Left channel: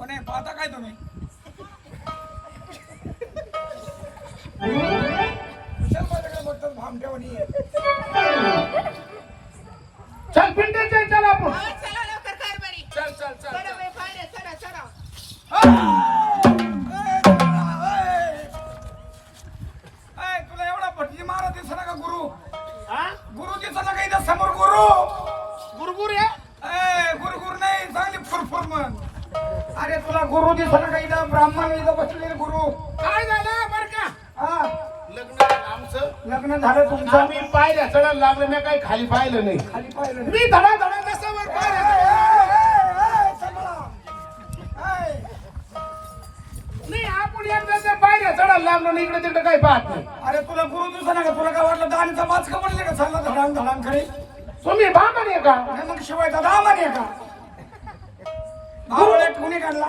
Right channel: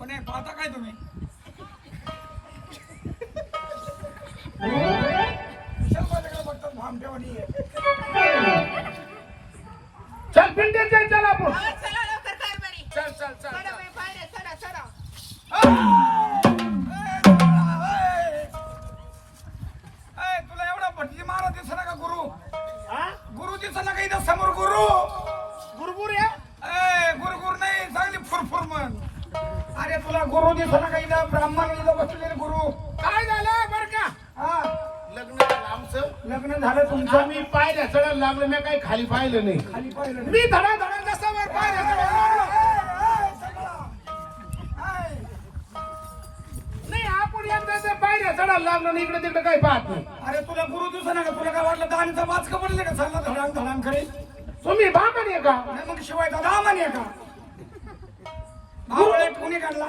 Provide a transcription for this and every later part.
कोण आहे पाहता काय तुम्ही? कुशल माझ्याकडे बघतात भामट्यावानी. चल पिंटे चल चल आपण. चला लवकर कर बरी चल चल चल बाई पायऱ्या चढा चढा तुला एवढा भटजी मारा दिसना का गुरु? हा? गुरु दिसना का इथं समोर गुरु? गुरगुर या. गुरु दिसना का इथं ब्राह्मण इथं बसलेले गुरु. काय झालं बर का? हा. लग्न झालं आमचं. लग्न झालं तुमचं. आम्ही पायऱ्या चढायला लागलो मी काही खाली पाहिलं नाही. खाली पाहिलं नाही. मी धडा धडा जसा वर ए, पायऱ्या ए. ए. ए, नाही आपण एकदा त्या पायऱ्या चढायला लागलो आणि इकडे तिकडे काही पाहत नाही. अरे तुला गुरु दिसना का? तुला काय वाटलं दानचा का पडले का? चालला धडांग धडांग खरी तुम्ही बाबा आहे का? नाही मग शिवाय दादा म्हणे का? बावळे कोणी काढला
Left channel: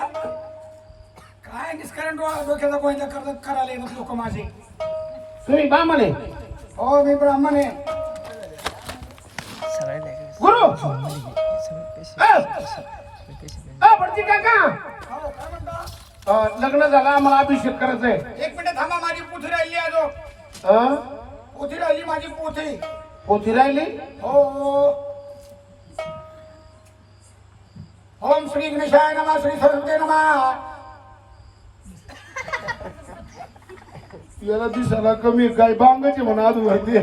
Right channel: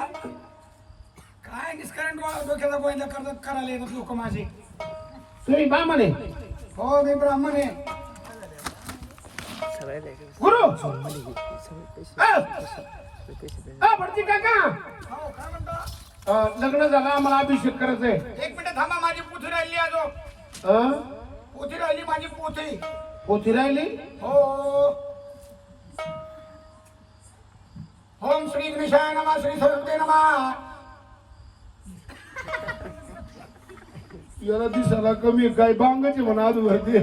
काय निष्कारण डोळा डोक्याचा गोयला करत करायला येतात लोक माझे. तुम्ही आहे? हो मी ब्राह्मण आहे. गुरु! भटजी काका! हो काय म्हणता? अ, लग्न झालं आम्हाला अभिषेक करायचा आहे एक मिनिट थांबा माझी पोथी राहिली आजो. अ, पोथी राहिली माझी पोथी. पोथी राहिली? हो. श्री गणेशाय नमा. श्री सरस्वती नमा याला दिसायला कमी काय बांगाची म्हणा आज वरती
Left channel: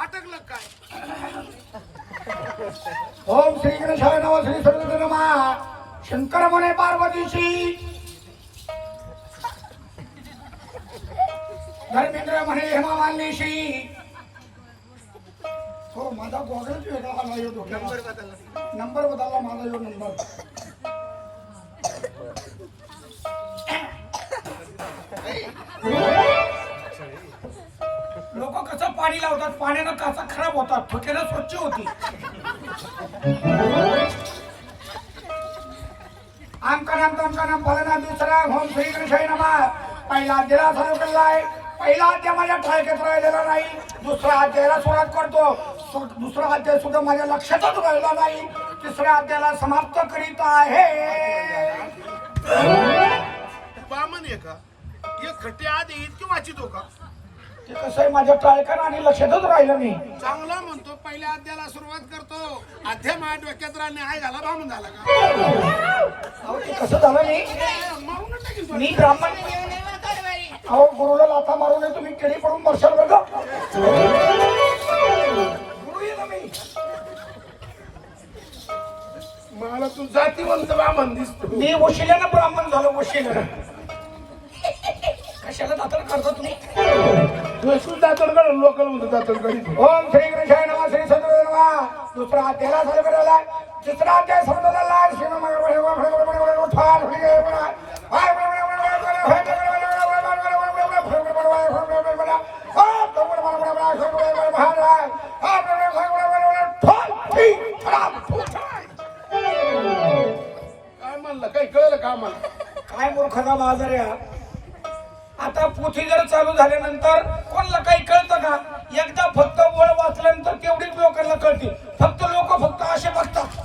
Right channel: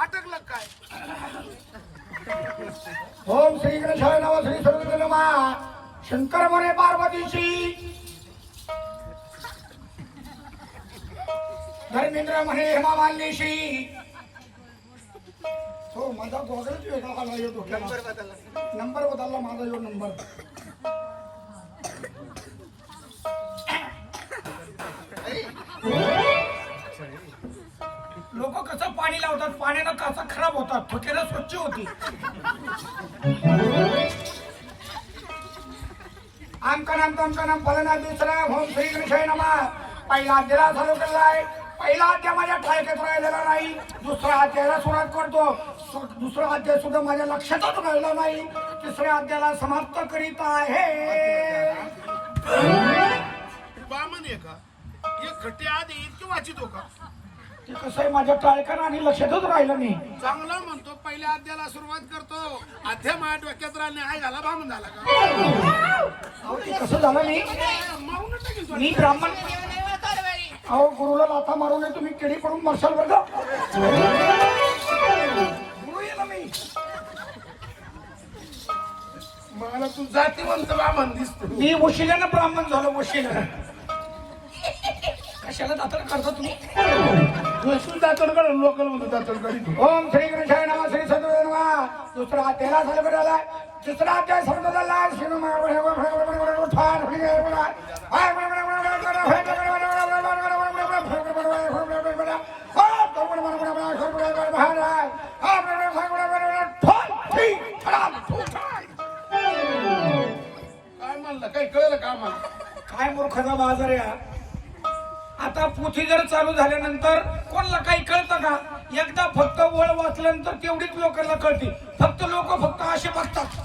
अटकलं काय? ओम श्री गणेशाय नमा. श्री सरस्वती नमा शंकर म्हणे पार्वतीशी. धर्मेंद्र म्हणे हेमा मालिनीशी हो माझा गॉगलच वेगळा आला यो डोक्याला नंबर बदलला. माझा यो नंबर. लोक कसं पाणी लावतात पाण्यानं काचा खराब होतात ठोक्यानं स्वच्छ होती आमका नाम तमका नाम फलना दुसरा होम श्री गणेशाई नमा. पहिला अध्यायाला चालू केलेला आहे पहिला अध्याय माझ्या ठायकात राहिलेला नाही. दुसऱ्या अध्यायाला सुरुवात करतो. दुसरा अध्याय सुद्धा माझ्या लक्षातच राहिला नाही. तिसऱ्या अध्यायाला समाप्त करीत आहे. बामन आहे का? एक खट्टे आधी इतकी वाचित हो का? ते कसं आहे माझ्या टाळकर आणि लक्षातच राहिलं नाही. चांगला म्हणतो पहिल्या अध्यायाला सुरुवात करतो. अध्याय माझ्या डोक्यात राहणे हाय झाला बामन झाला का? कसं झालं. मी ब्राह्मण अहो गुरुला लाथा मारू नये तुम्ही केळी पडून बसाल बघा गुरु आहे ना मी. मला तू जातीवंत बामन दिसतो. मी वशिल्यानं ब्राह्मण झालो वशिल्यानं कशाला दातर करता तुम्ही? दातडगड लोकल म्हणतो दातडगड ओम श्री गणेशाय नमः श्री सद्गुरू नमः. दुसरा अध्याय झाला बेरला तिसरा अध्याय बाजार या आता पोथी जर चालू झाल्यानंतर कोणाला काही कळतं का? एकदा फक्त वळ वाचल्यानंतर तेवढीच लोकांना कळते फक्त लोक फक्त असे बघतात.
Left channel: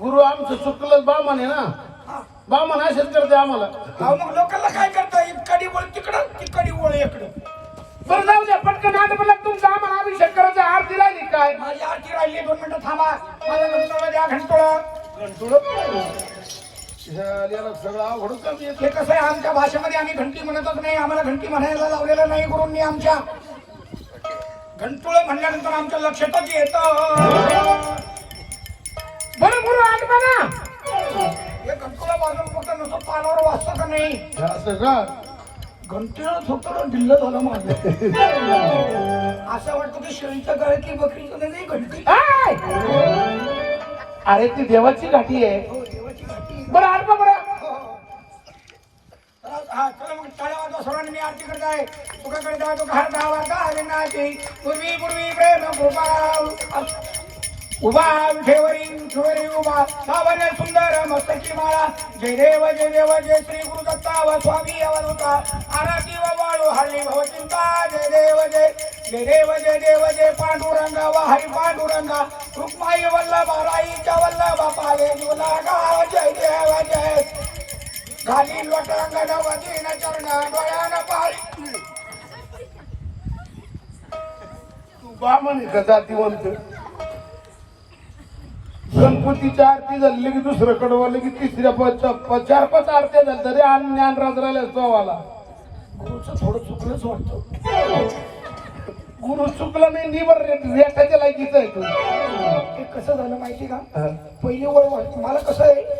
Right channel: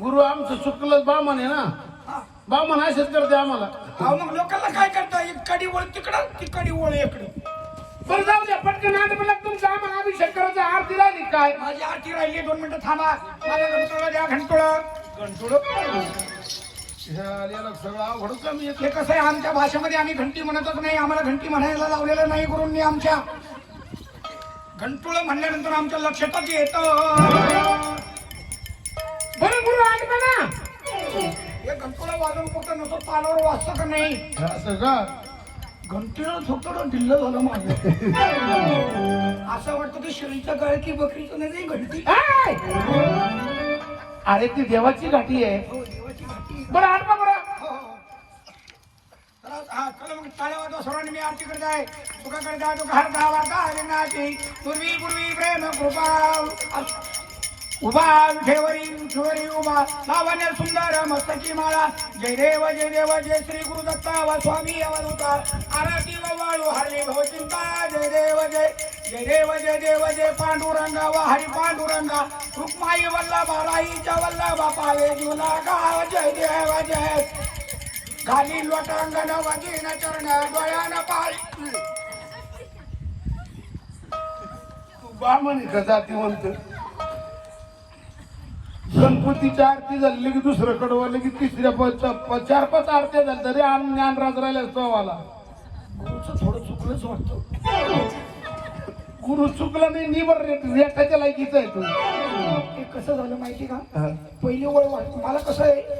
गुरु आमचं चुकलं बामन आहे ना? हा. बामन असेच करते आम्हाला. अहो मग लोकांना काय करता? एक काडी वळ तिकडं ती काडी वळ इकडं. बरं जाऊ द्या पटकन आता मला. तुमचा आम्हाला अभिषेक करायचा आरती राहिली काय? माझी आरती राहिली. दोन मिनिटं थांबा. माझ्या घंटोळा द्या घंटोळं? सगळं कमी येत हे कसं आहे आमच्या भाषेमध्ये आम्ही घंटी म्हणतच नाही आम्हाला घंटी म्हणायला लावलेलं नाही गुरूंनी आमच्या. घंटोळं म्हणल्यानंतर आमच्या लक्षातच येतं. बरं गुरु आज म्हणा हे घंटोळा वाजून कुठं नसतो तालावर वाजतं का नाही? असं का? घंटीला ढिल्ल झालं माझं. असं वाटतं की शेळीच्या गळ्यात की बकरीचं नाही घंटी. आय! अरे ती देवाची गाठी आहे. तळ्यावर चला सर्वांनी मी आरती करत आहे. तुका करता तुका हाता वार्ता हरी नाची पूर्वी पूर्वी प्रेम कृपा उभा ठेवरी ठेवरी उभा. सावन सुंदर मस्तकी माळा. जय देव जय देव जय श्री गुरु दत्ता वा स्वामी अवधूता. आरती व वाळू हरली भवचिंता जय देव जय जय देव जय देव जय पांडुरंगा वा हरी पांडुरंगा. रुक्माई वल्लभ राईच्या वल्लभ पावे जुना गाव जय देव जय. घाली लोटांगण वतीन चरणा डोळ्यानं पाळी तू बामण आहे का जातीवंत. गणपतीच्या आरती झाली की दुसरं कडवाले की तिसऱ्या पाच चार पाच आरत्या झाल्या तरी आणि ज्ञानराज राहिला चव्हाला. गुरुचं थोडं चुकलंच वाटतं. गुरु चुकला नाही निबर रेटाच्या लायकीचा आहे तू. कसं झालं माहिती का. पहिली ओळ मला कसं आहे?